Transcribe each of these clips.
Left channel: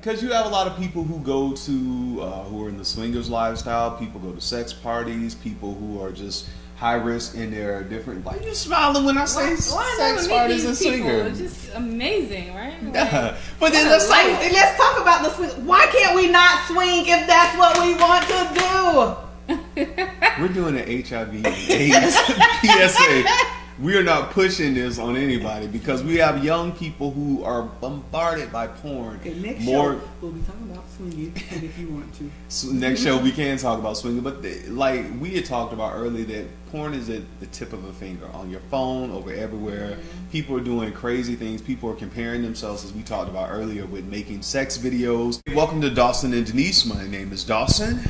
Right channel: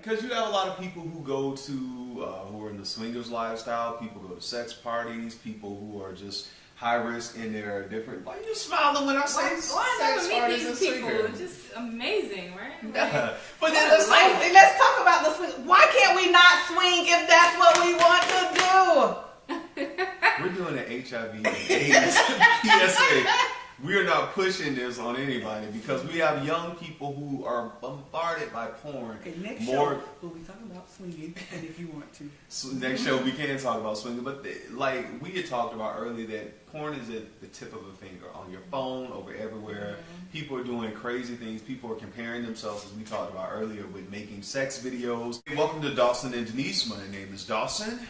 because you have a lot of people who go to, who are in the swingers lifestyle, people go to sex parties, people who are just high risk in their different, why are you smiling when I say sex parties and swingers? It's just amazing, right? Yeah. But then let's talk about the swing. Why can't we not swing if that's what we want to do? We're doing an HIV and AIDS PSA. We are not pushing this on anybody because we have young people who are bombarded by porn. Okay, next show we'll be talking about swinging, and if you want to. So next show we can talk about swinging, but like we had talked about earlier, that porn is at the tip of a finger on your phone, over everywhere. People are doing crazy things. People are comparing themselves, as we talked about earlier, with making sex videos. Welcome to Dawson and Denise. My name is Dawson.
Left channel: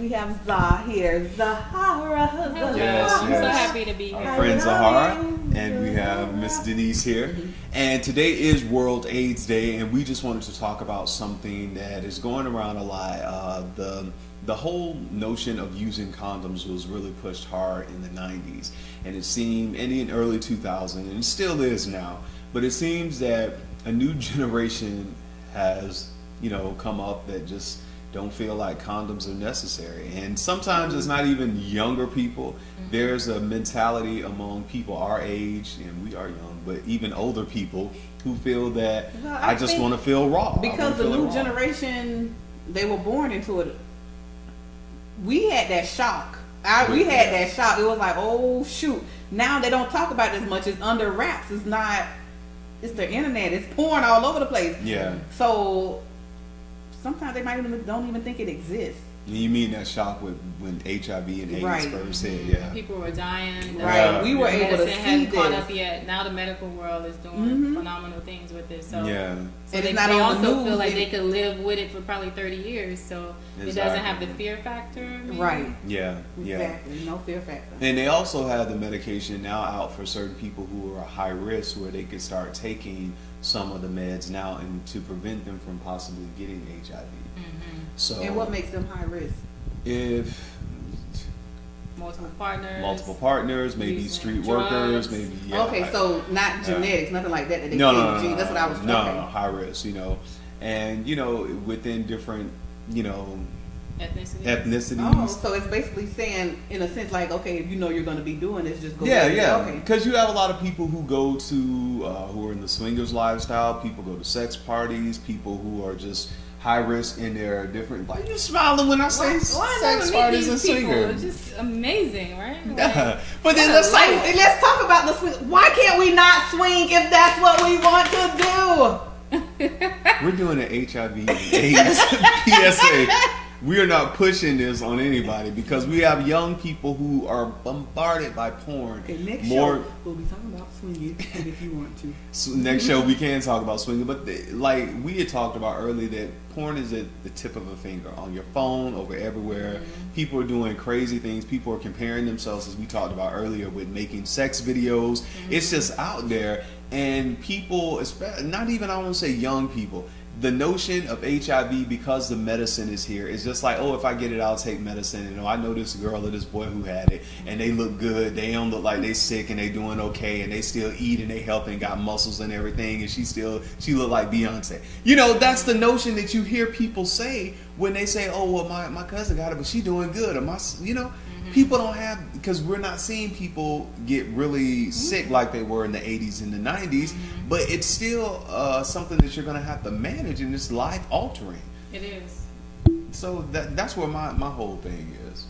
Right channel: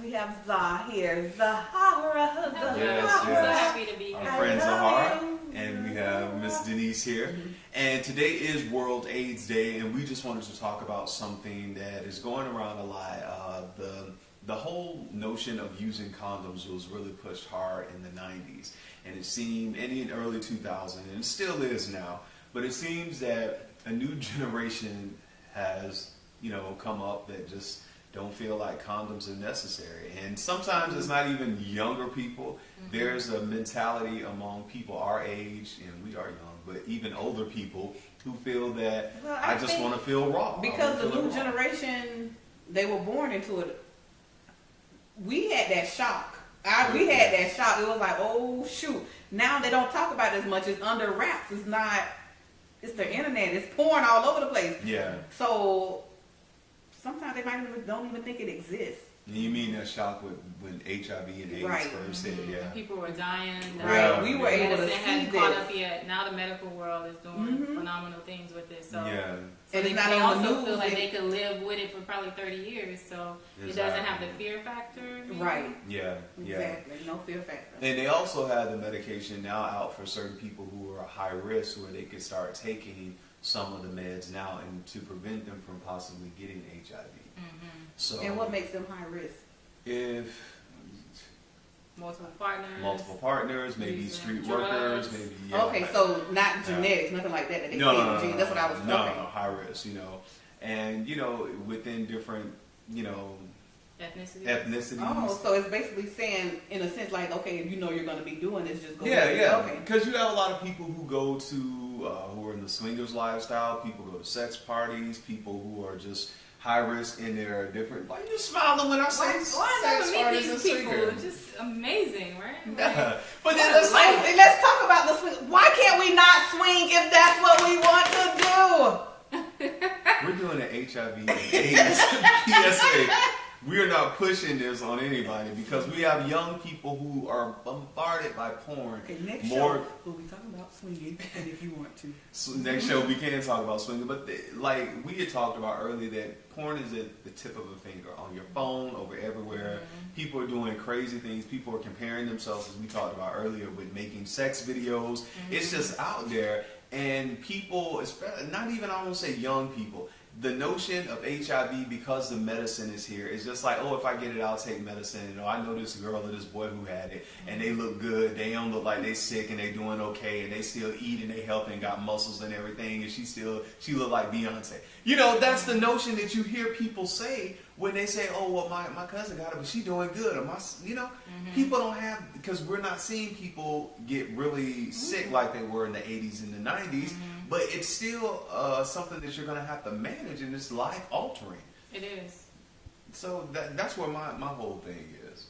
We have Zah here. Zahara. Yes, I'm so happy to be here. Our friend Zahara. And we have Miss Denise here. And today is World AIDS Day, and we just wanted to talk about something that is going around a lot. The whole notion of using condoms was really pushed hard in the 90s. And it seemed, and in early 2000s, and it still is now, but it seems that a new generation has, come up that just don't feel like condoms are necessary. And sometimes it's not even younger people. There's a mentality among people our age, and we are young, but even older people who feel that I just want to feel raw. Because the new generation, they were born into it. We had that shock. We had that shock. It was like, oh shoot. Now they don't talk about it as much. It's under wraps. It's not, it's the internet. It's porn all over the place. Yeah. So sometimes they don't even think it exists. You mean that shock when HIV and AIDS first hit? Yeah. People were dying. Right. We were able to see hadn't caught up this. yet. Now the medical world is doing phenomenal things with this. So, yeah. So and they also feel like they could live with it for probably 30 years. So it doesn't have the fear factor. Maybe. Right. Yeah. Exactly. No fear factor. And they also have the medication now out for certain people who are high risk, where they can start taking some of the meds now and to prevent them from possibly getting HIV. So, and what makes them high risk? If multiple partners, maybe street workers, maybe okay, so not genetics, nothing like that. No, that's what I was. No, high risk, and within different, ethnicities. Oh, so it's basically saying, in a sense, like, okay, if you know you're going to be doing this, just go. Yeah. Okay. Because you have a lot of people who go to, who are in the swingers lifestyle. People go to sex parties. People who are just high risk in their different. Why are you smiling when I say sex parties and swingers? It's just amazing, right? Yeah. But then let's talk about the swing. Why can't we not swing if that's what we want to do? We're doing an HIV and AIDS PSA. We are not pushing this on anybody because we have young people who are bombarded by porn. Okay, next show we'll be talking about swinging, and if you want to. So next show we can talk about swinging, but like we had talked about earlier, that porn is at the tip of a finger on your phone, over everywhere. People are doing crazy things. People are comparing themselves, as we talked about earlier, with making sex videos. It's just out there, and people, not even, I won't say young people, the notion of HIV, because the medicine is here, is just like, oh, if I get it, I'll take medicine. I know this girl or this boy who had it, and they look good. They don't look like they sick, and they doing okay, and they still eat, and they healthy, and got muscles and everything, and she look like Beyonce. That's the notion that you hear people say when they say, oh, well, my cousin got it, but she doing good. Or people don't have, because we're not seeing people get really sick like they were in the 80s and the 90s, but it's still something that you're going to have to manage, and it's life altering. It is. So that's where my whole thing is.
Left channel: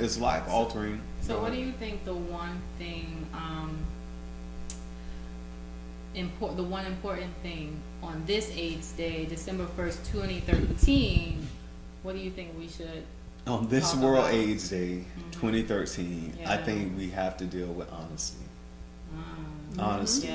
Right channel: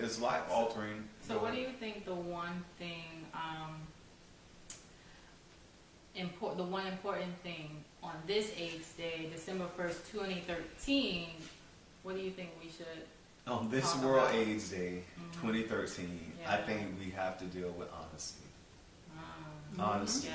It's life altering. So what do you think the one thing, the one important thing on this AIDS Day, December 1st, 2013, what do you think we should on this World AIDS Day, 2013, I think we have to deal with honesty. Honesty.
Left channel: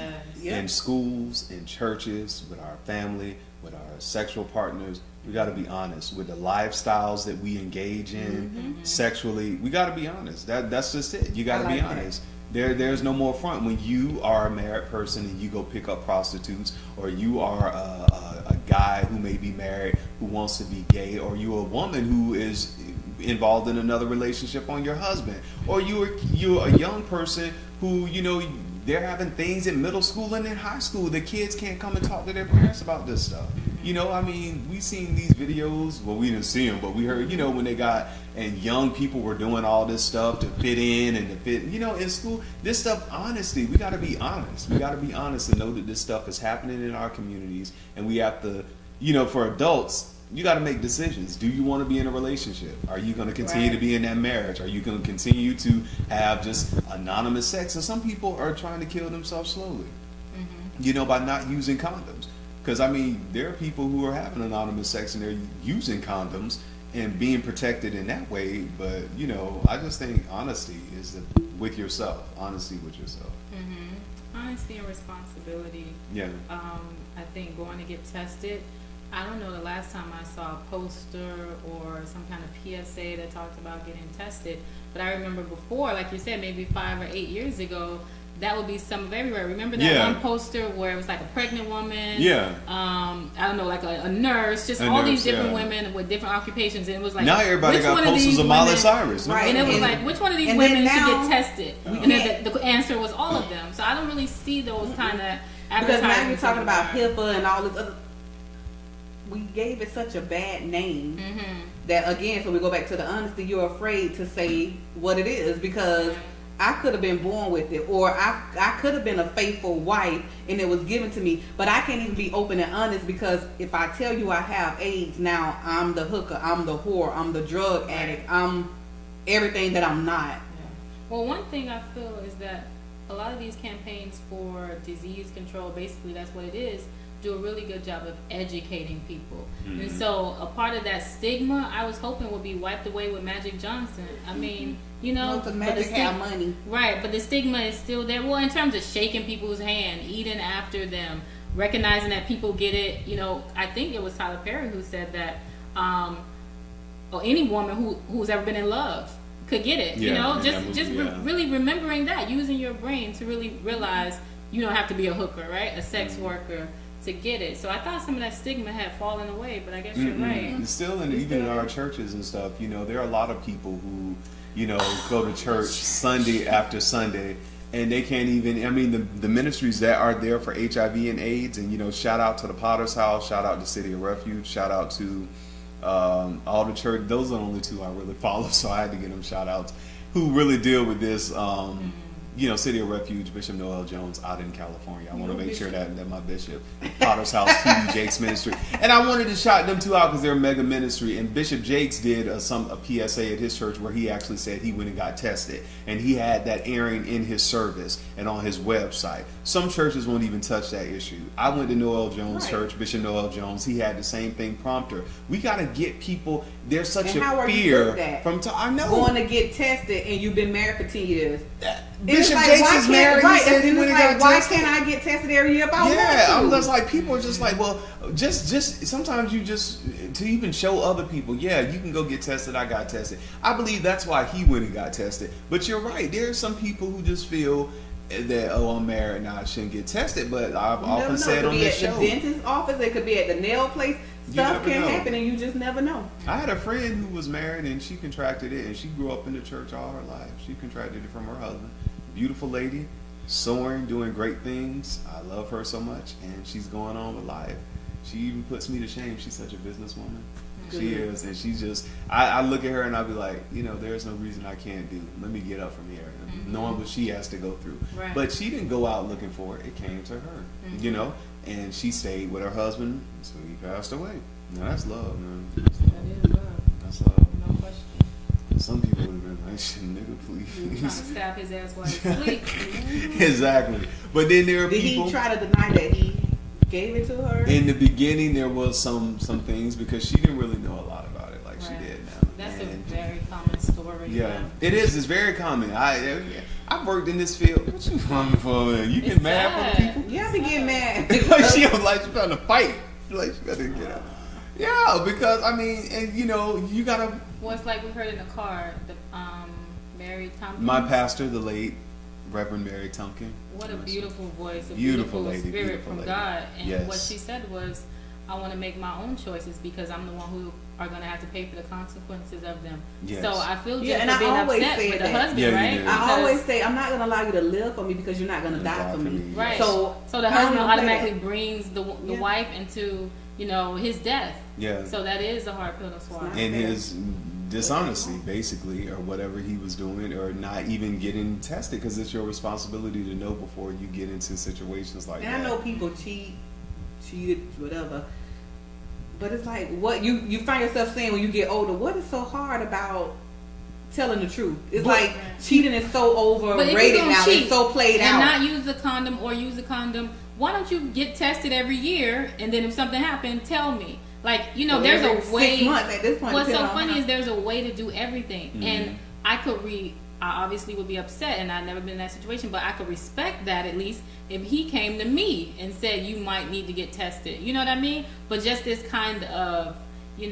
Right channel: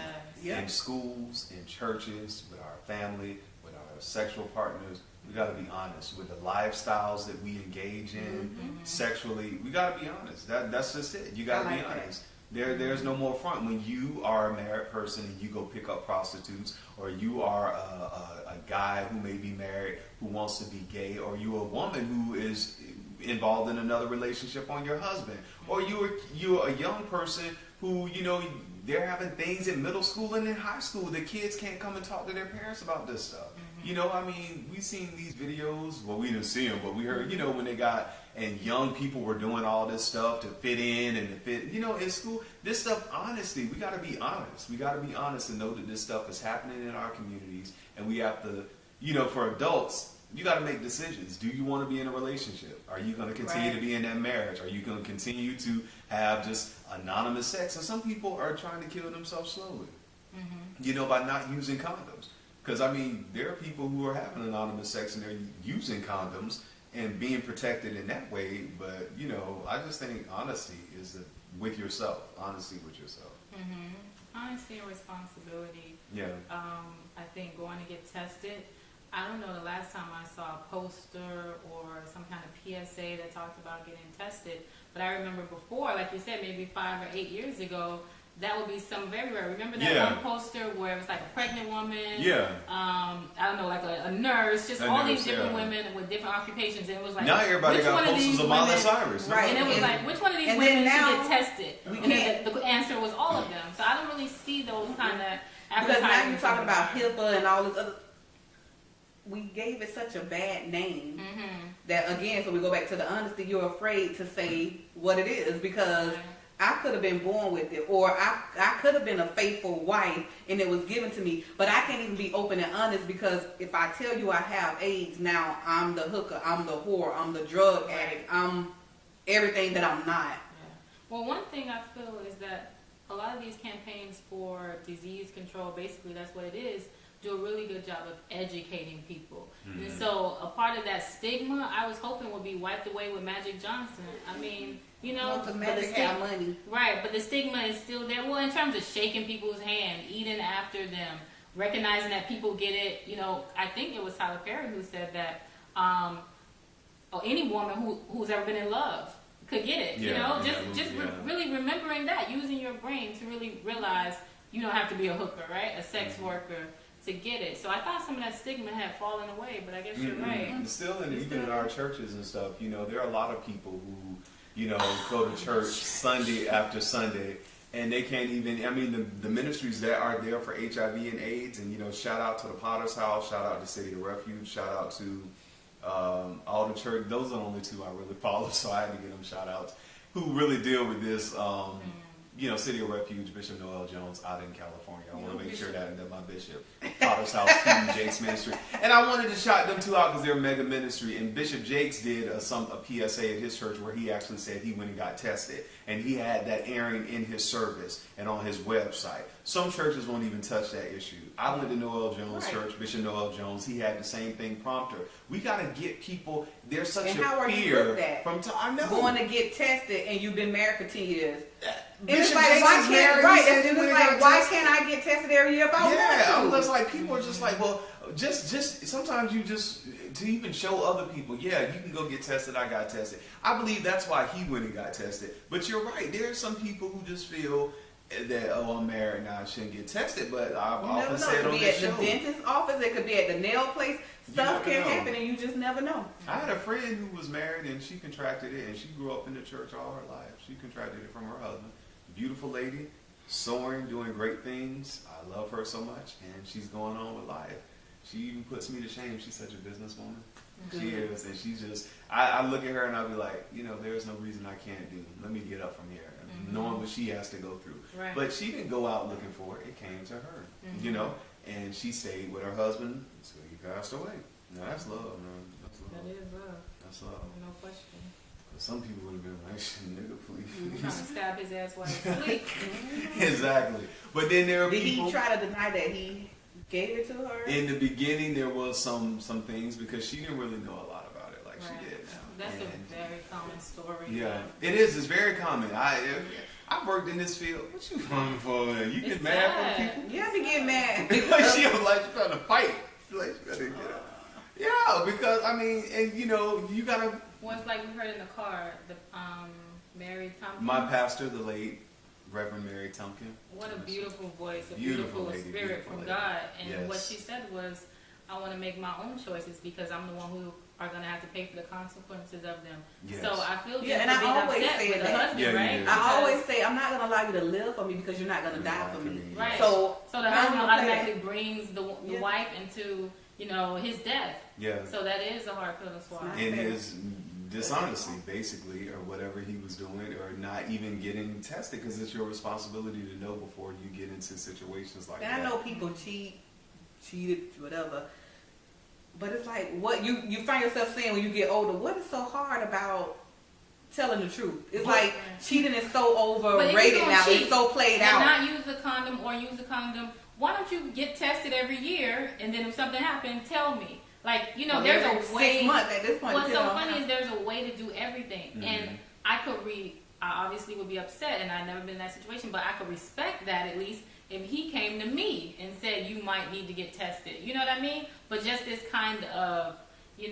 In schools, in churches, with our family, with our sexual partners. We got to be honest with the lifestyles that we engage in sexually. We got to be honest. That's just it. You got to be honest. There's no more front when you are a married person and you go pick up prostitutes, or you are a guy who may be married who wants to be gay, or you're a woman who is involved in another relationship on your husband, or you're a young person who they're having things in middle school and in high school. The kids can't come and talk to their parents about this stuff. You know, I mean, we seen these videos. Well, we didn't see them, but we heard. You know, when they got and young people were doing all this stuff to fit in and to fit. You know, in school, this stuff. Honesty. We got to be honest. We got to be honest and know that this stuff is happening in our communities, and we have to. You know, for adults, you got to make decisions. Do you want to be in a relationship? Are you going to continue to be in that marriage? Are you going to continue to have just anonymous sex? And some people are trying to kill themselves slowly. You know, by not using condoms. Because, I mean, there are people who are having anonymous sex and they're using condoms and being protected in that way. But, you know, I just think honesty is with yourself. Honesty with yourself. Honesty and responsibility. Yeah. I think going to get tested. I don't know the last time I saw a poster or some kind of PSA that talked about getting tested. But I remember before, like you said, maybe 5 or 8 years ago, that would be some of everywhere. Remember that one poster where it was like a pregnant woman? Yeah. I don't know, like a nurse, just all these different women with different occupations. And it was like, now everybody got posters of Miley Cyrus. Right. And it was like, which one of these women should get tested? And then the answer was all of them. So I don't really see those kind of advertisements. Because now you're talking about HIPAA and all this other. We gave it such a bad name that, again, so we go back to the honesty, you're afraid to say what it is because I could have been born with it, or I could have been a faithful wife and it was given to me, but I can't even be open and honest because if I tell you I have AIDS, now I'm the hooker, I'm the whore, I'm the drug addict, I'm everything that I'm not. Well, one thing I feel is that a lot of these campaigns for disease control, basically that's what it is, do a really good job of educating people. And so a part of that stigma I was hoping would be wiped away with Magic Johnson. I mean, you know, the Magic have money. Right, but the stigma is still there. Well, in terms of shaking people's hand, eating after them, recognizing that people get it, you know, I think it was Tyler Perry who said that or any woman who's ever been in love could get it. You know, really remembering that, using your brain to really realize you don't have to be a hooker, right? A sex worker to get it. So I thought some of that stigma had fallen away, but I guess you're right. Still, even in our churches and stuff, you know, there are a lot of people who, you know, go to church Sunday after Sunday, and they can't even, I mean, the ministries that are there for HIV and AIDS, and, you know, shout out to the Potter's House, shout out to City of Refuge, shout out to all the church. Those are the only two I really follow, so I had to give them shout outs, who really deal with this. You know, City of Refuge, Bishop Noel Jones out in California. I want to make sure that my bishop, Potter's House, TV, Jake's ministry. And I wanted to shout them two out because they're a mega ministry. And Bishop Jakes did a PSA at his church where he actually said he went and got tested. And he had that airing in his service and on his website. Some churches won't even touch that issue. I went to Noel Jones' church, Bishop Noel Jones. He had the same thing prompter. We got to get people, there's such a fear from I know. Going to get tested and you've been married for 10 years. Bishop Jakes is married. Right, and it was like, why can't I get tested every year if I want to? I'm just like, people are just like, well, just sometimes you just, to even show other people, yeah, you can go get tested, I got tested. I believe that's why he went and got tested. But you're right, there are some people who just feel that, oh, I'm married now, I shouldn't get tested. But I've often said on this show, it could be at the dentist's office, it could be at the nail place. Stuff can happen and you just never know. I had a friend who was married and she contracted it, and she grew up in the church all her life. She contracted it from her husband. Beautiful lady, soaring, doing great things. I love her so much, and she's going on with life. She even puts me to shame. She's such a businesswoman. She is, and she's just, I look at her and I'll be like, you know, there's no reason I can't do. Let me get up from here, knowing what she has to go through. Right. But she didn't go out looking for it. It came to her, you know, and she stayed with her husband until he passed away. Now that's love, man. That is love. That's love. No question. Some people would have been like, nigga, please. Trying to stab his ass while he's asleep. Exactly. But then there are people. Did he try to deny that he gave it to her? In the beginning, there was some things because she didn't really know a lot about it like she did now. That's a very common story. Yeah, it is. It's very common. I've worked in this field. What you running for? You get mad from people? Yeah, I be getting mad. Like she was like she trying to fight. Like she gotta get it. Yeah, because I mean, and you know, you gotta. Well, it's like we heard in the car, the Mary Tompkins. My pastor, the late Reverend Mary Tompkins. What a beautiful voice, a beautiful lady, spirit beautiful from lady. God. And what she said was, I want to make my own choices because I'm the one who are going to have to pay for the consequences of them. Yes. So I feel just and being upset with the husband, right? I always say, I'm not going to allow you to live for me because you're not going to die for me. Right. So the husband automatically brings the wife into his death. Yeah. So that is a hard pill to swallow. And his dishonesty, basically, or whatever he was doing, or not even getting tested, because it's your responsibility to know before you get into situations like that. And I know people cheated, whatever. But it's like, what you find yourself saying when you get older, what is so hard about telling the truth? It's like cheating is so overrated now. It's so played out. And not use a condom or use a condom. Why don't you get tested every year, and then if something happened, tell me. Like, there's a way. 6 months at this point. What's so funny is there's a way to do everything. Mm-hmm. And I obviously would be upset, and I've never been in that situation, but I could respect that at least if he came to me and said, you might need to get tested. You know what I mean? But just this kind of,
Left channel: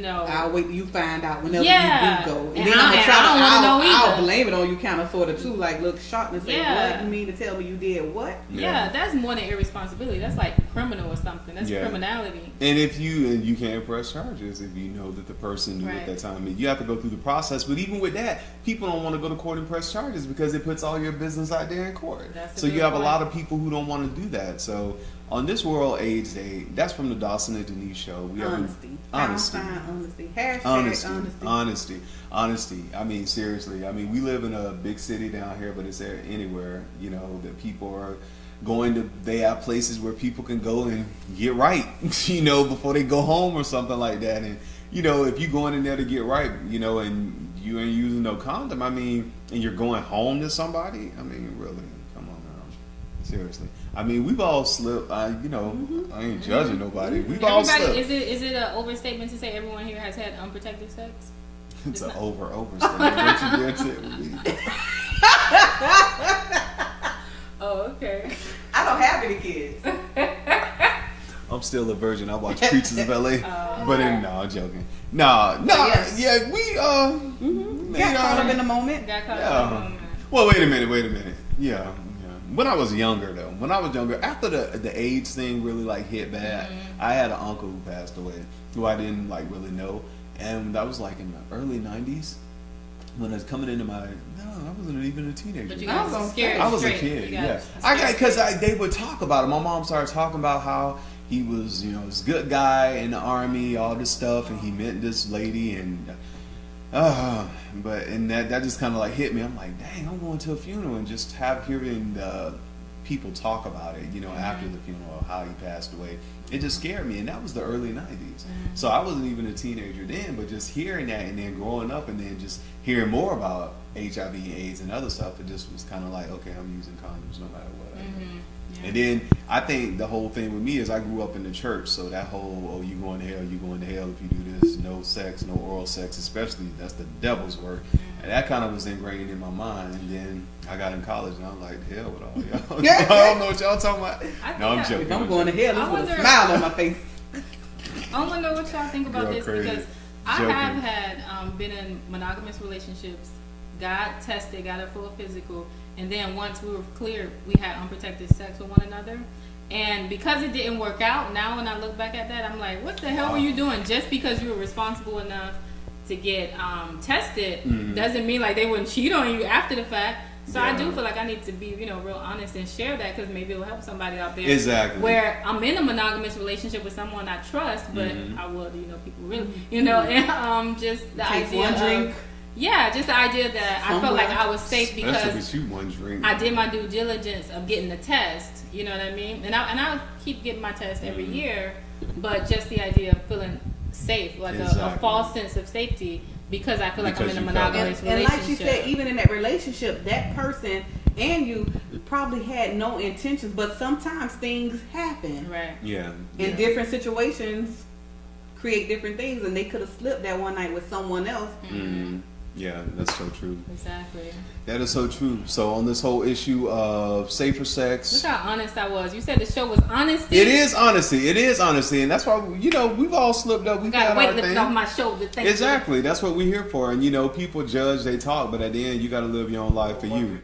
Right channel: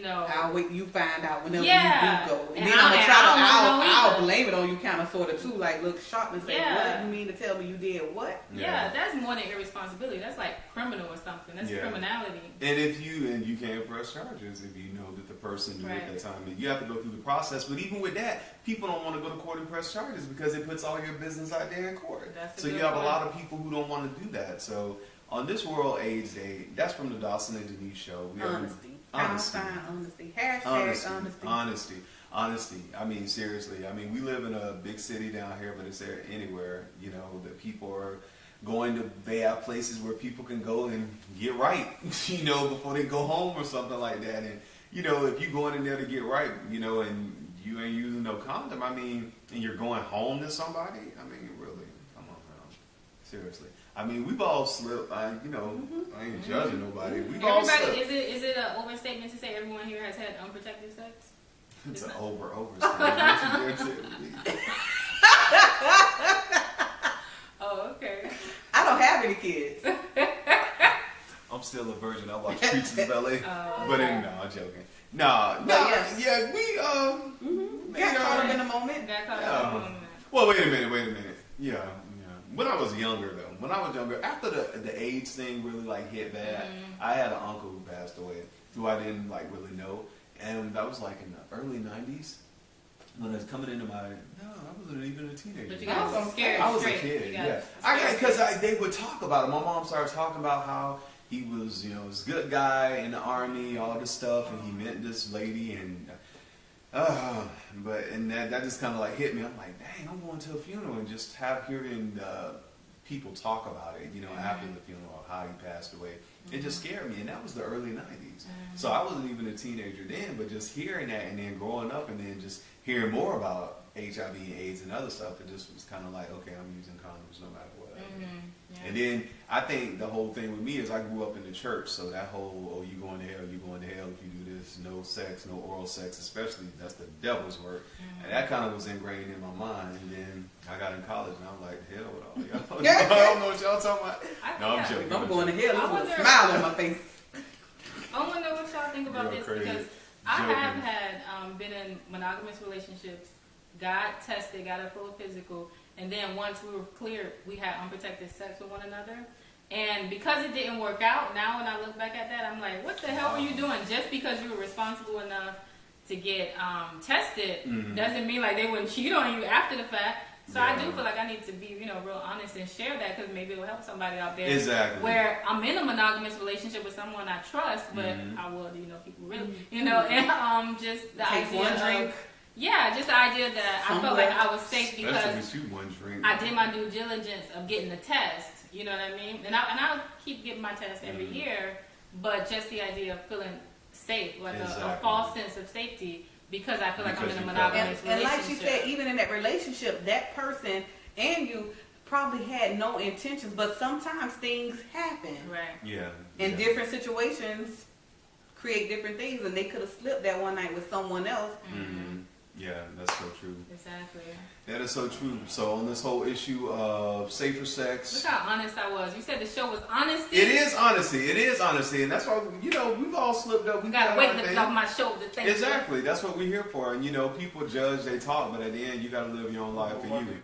I'll wait till you find out whenever you do go. And then I'll blame it on you kind of sort of too. Like, look sharp and say, what? You mean to tell me you did what? Yeah, that's more than irresponsibility. That's like criminal or something. That's criminality. And if you can't press charges if you know that the person knew at that time. And you have to go through the process. But even with that, people don't want to go to court and press charges because it puts all your business out there in court. So you have a lot of people who don't want to do that. So on this World AIDS Day, that's from the Dawson and Denise show. We Honesty. Honesty. Honesty. Honesty. I mean, seriously. I mean, we live in a big city down here, but it's there anywhere, that people are going to, they have places where people can go and get right, before they go home or something like that. And, if you're going in there to get right, and you ain't using no condom, I mean, and you're going home to somebody, I mean, really, come on now. Seriously. I mean, we've all slipped. I ain't judging nobody. We've all slipped. Is it an overstatement to say everyone here has had unprotected sex? It's an overstatement. Oh, okay. I don't have any kids. I'm still a virgin. I watch Preachers of LA. No, I'm joking. We Got caught up in the moment. Well, wait a minute. Yeah. When I was younger, after the AIDS thing really hit bad, I had an uncle who passed away, who I didn't really know, and that was in the early '90s when I was coming into I wasn't even a teenager. But you got scared. I was a kid. Because they would talk about it. My mom started talking about how he was, this good guy in the army, all this stuff, and he met this lady, and that just kind of hit me. I'm like, dang, I'm going to a funeral and just hearing people talk about it, after the funeral, how he passed away. It just scared me, and that was the early '90s. So I wasn't even a teenager then, but just hearing that and then growing up and then just hearing more about HIV and AIDS and other stuff, it just was kind of like, okay, I'm using condoms no matter what. And then I think the whole thing with me is I grew up in the church, so that whole, you going to hell if you do this, no sex, no oral sex, especially, that's the devil's work. And that kind of was ingrained in my mind. And then I got in college and I'm like, hell with all y'all. I don't know what y'all talking about. No, I'm joking. If I'm going to hell, with a smile on my face. I wonder what y'all think about this, because I have had been in monogamous relationships, got tested, got a full physical, and then once we were clear, we had unprotected sex with one another. And because it didn't work out, now when I look back at that, I'm like, what the hell were you doing? Just because you were responsible enough to get tested doesn't mean they wouldn't cheat on you after the fact. So I do feel like I need to be, real honest and share that, because maybe it will help somebody out there. Exactly. Where I'm in a monogamous relationship with someone I trust, but I will, people really, and just the idea one drink. Yeah, just the idea that I felt like I was safe because I did my due diligence of getting the test. You know what I mean? And I'll keep getting my test every year, but just the idea of feeling safe, a false sense of safety, because I feel like I'm in a monogamous relationship. And like she said, even in that relationship, that person and you probably had no intentions, but sometimes things happen. Right. Yeah. In different situations, create different things, and they could have slipped that one night with someone else. Yeah, that's so true. Exactly. That is so true. So on this whole issue of safer sex, look how honest I was. You said the show was honesty. It is honesty, and that's why we've all slipped up. We got weight lifted off my shoulder. Exactly. That's what we're here for. And people judge, they talk, but at the end, you got to live your own life for you.